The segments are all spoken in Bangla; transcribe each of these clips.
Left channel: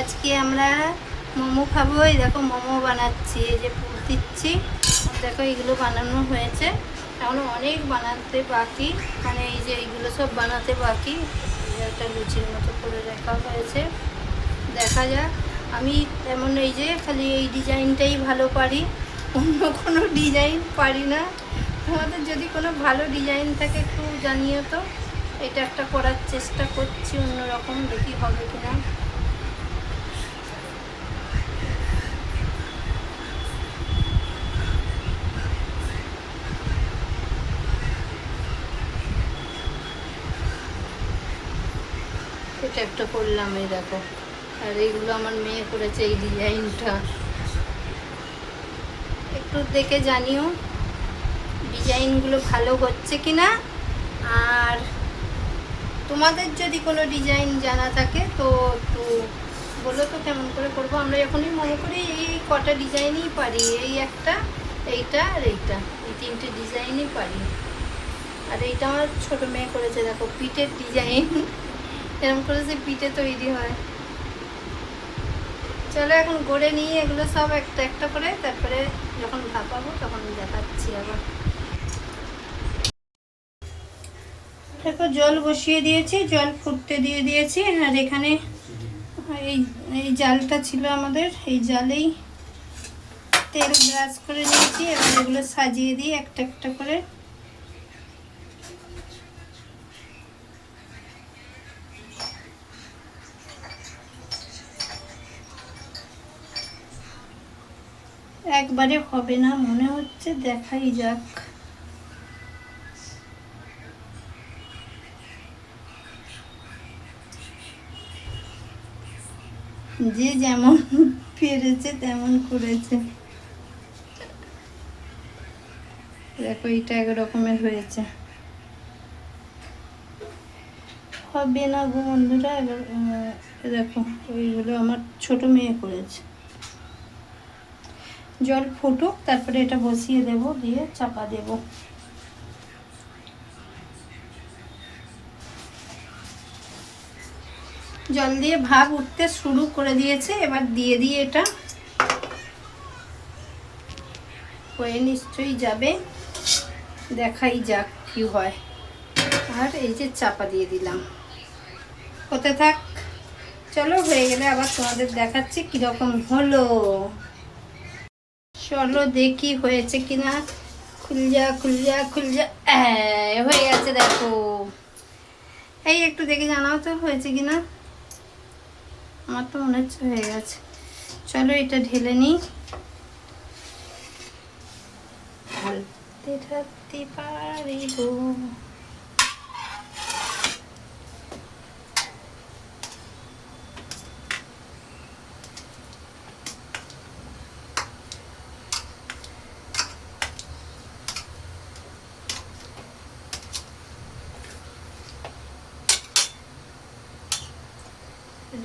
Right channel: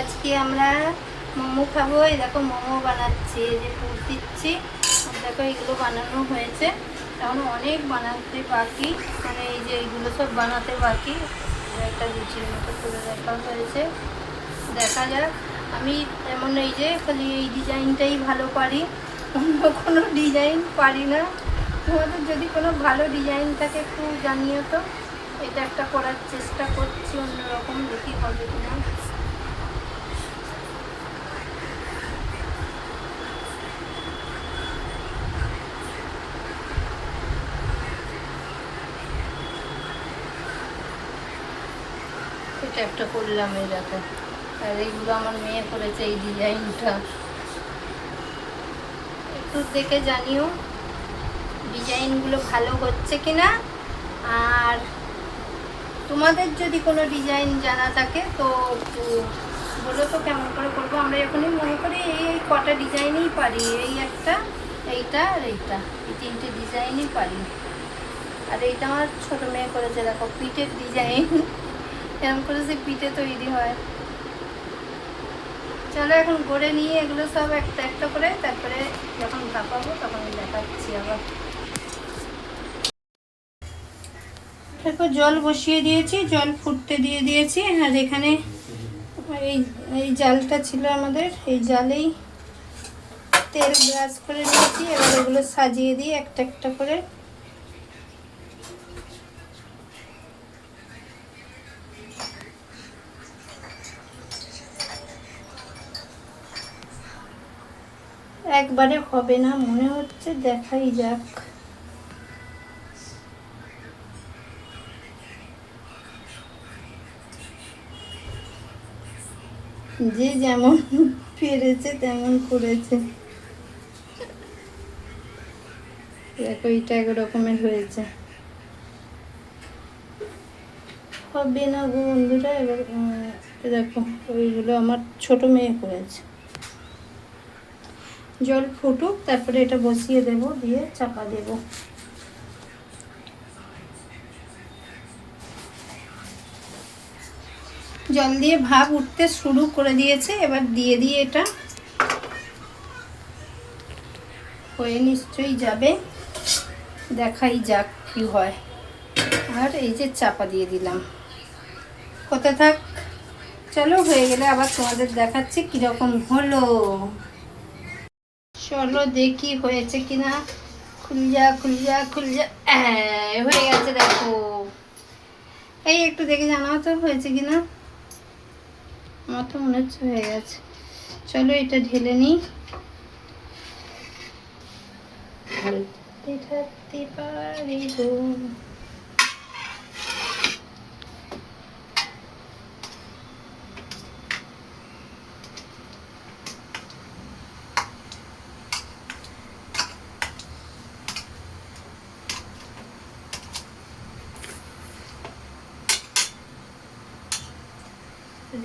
আজকে আমরা মোমো খাবো। এই দেখো মোমো বানাচ্ছি, এই যে দিচ্ছি। দেখো এইগুলো বানানো হয়েছে, এখন অনেক বানাতে বাকি, মানে এই যে এইগুলো সব বানাতে বাকি। একটা লুচির মতো করে রাখা হয়েছে, দেখা যাক। আমি তেমন এই যে খালি এই ডিজাইনটাই ভালো পারি, অন্য কোনো ডিজাইন পারি না। তোমাদের যদি কোনো ভালো ডিজাইন থাকে একটু জানিও তো। এটা একটা করার চেষ্টা করছি অন্যরকম, দেখি হবে কিনা। এটা একটা করলাম, এই দেখো। আর এইগুলো আমার মেয়ে করেছে, এই ডিজাইনটা একটু দেখে জানিও ডিজাইনগুলো ভালো হচ্ছে কিনা। আর তোমাদের যদি কোনো ডিজাইন জানা থাকে তো একটু বলো তো কেমন করে করবো। আমরা এখনই মনে করি এই কটা ডিজাইনই পারি, এই একটা, এইটা আর এইটা, এই তিনটে ডিজাইনই পারি। আর এইটা আমার ছোটো মেয়ে করেছে, দেখো পিঠের ডিজাইন এরকম করে যে পিঠে তৈরি হয়। চলো এখন গড়ে নিয়ে এগুলো সব একটা একটা করে, তারপরে যখন ভাপাবো তখন দেখাচ্ছি আবার। দেখো জল বসিয়ে দিয়েছি, জল ফুটতে দিয়ে দিয়েছি। আর এখানে এই এই জালটা ছিল আমাদের, এই জালেই তেল ব্রাশ করে দিয়েছি। এবার এগুলো সাজিয়ে দিই একটা একটা করে। একবারে হবে না মনে হচ্ছে, দেখাই যাক। যে যেমন পেরেছে তেমন করেছে। দেখো এটা একরকমের হয়েছে, হবে না গো বন্ধুরা। এবার দেখো ওইগুলো আমার ছোট মেয়ে করেছে। জল ফুটুক, তারপরে এটা বসিয়ে দেব, দিয়ে চাপা দেব। জল দিয়ে ভাপ উঠতে শুরু করে দিয়েছে, এবার দিয়ে দিয়ে এটা হয়ে নিশ্চয়ই যাবে, দেখাই যাক কি হয়। আর এই যে চাপা দিয়ে দিলাম, হতে থাক। চলো হয়ে গেলে আবার তোমাদের দেখাচ্ছি কিরকম হলো। চলো দেখি হয়েছে কিনা। খুলজা খুলজা খুলজা, হয়ে গেছে দেখো। এই একটু দেখে জানাও তো হয়েছে কিনা। আমার তো মনে হচ্ছে হয়ে গেছে। চলো এটা ঢেলে নিই। ঢালতে ঢালতে পারিব।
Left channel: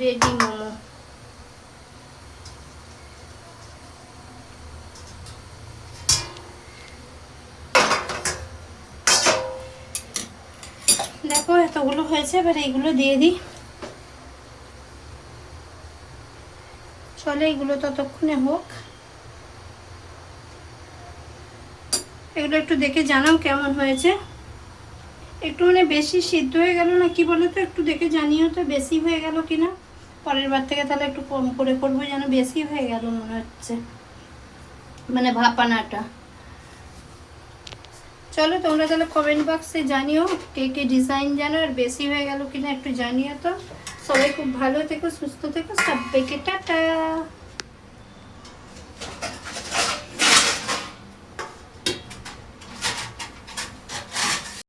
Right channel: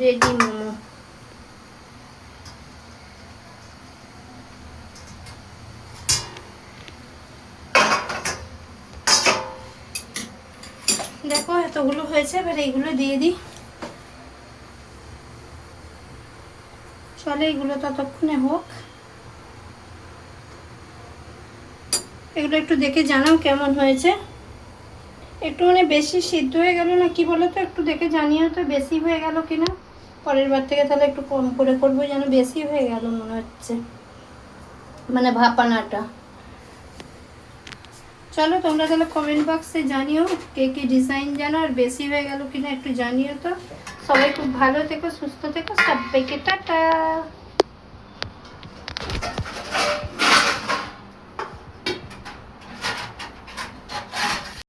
রেডি মোমো। দেখো এতগুলো হয়েছে, এবার এইগুলো দিয়ে দিই। চলে এগুলো ততক্ষণে হোক। এগুলো একটু দেখে জানাও কেমন হয়েছে। একটু মানে বেশি সিদ্ধ হয়ে গেল না কি বলো তো, একটু দেখে জানিও তো বেশি হয়ে গেল কিনা। পরের বার থেকে তাহলে একটু কম করে করবো, যেন বেশি হয়ে গেল মনে হচ্ছে, মানে ভাপানাটা। চলো তোমরা তাহলে কমেন্ট বক্সে জানিও কে কে ডিজাইন জানো, আর বেশি হয়ে গেল কিনা একটু জানিও তো। সবাই খুব ভালো থেকো, সুস্থ থেকো, সবাইকে টাটা।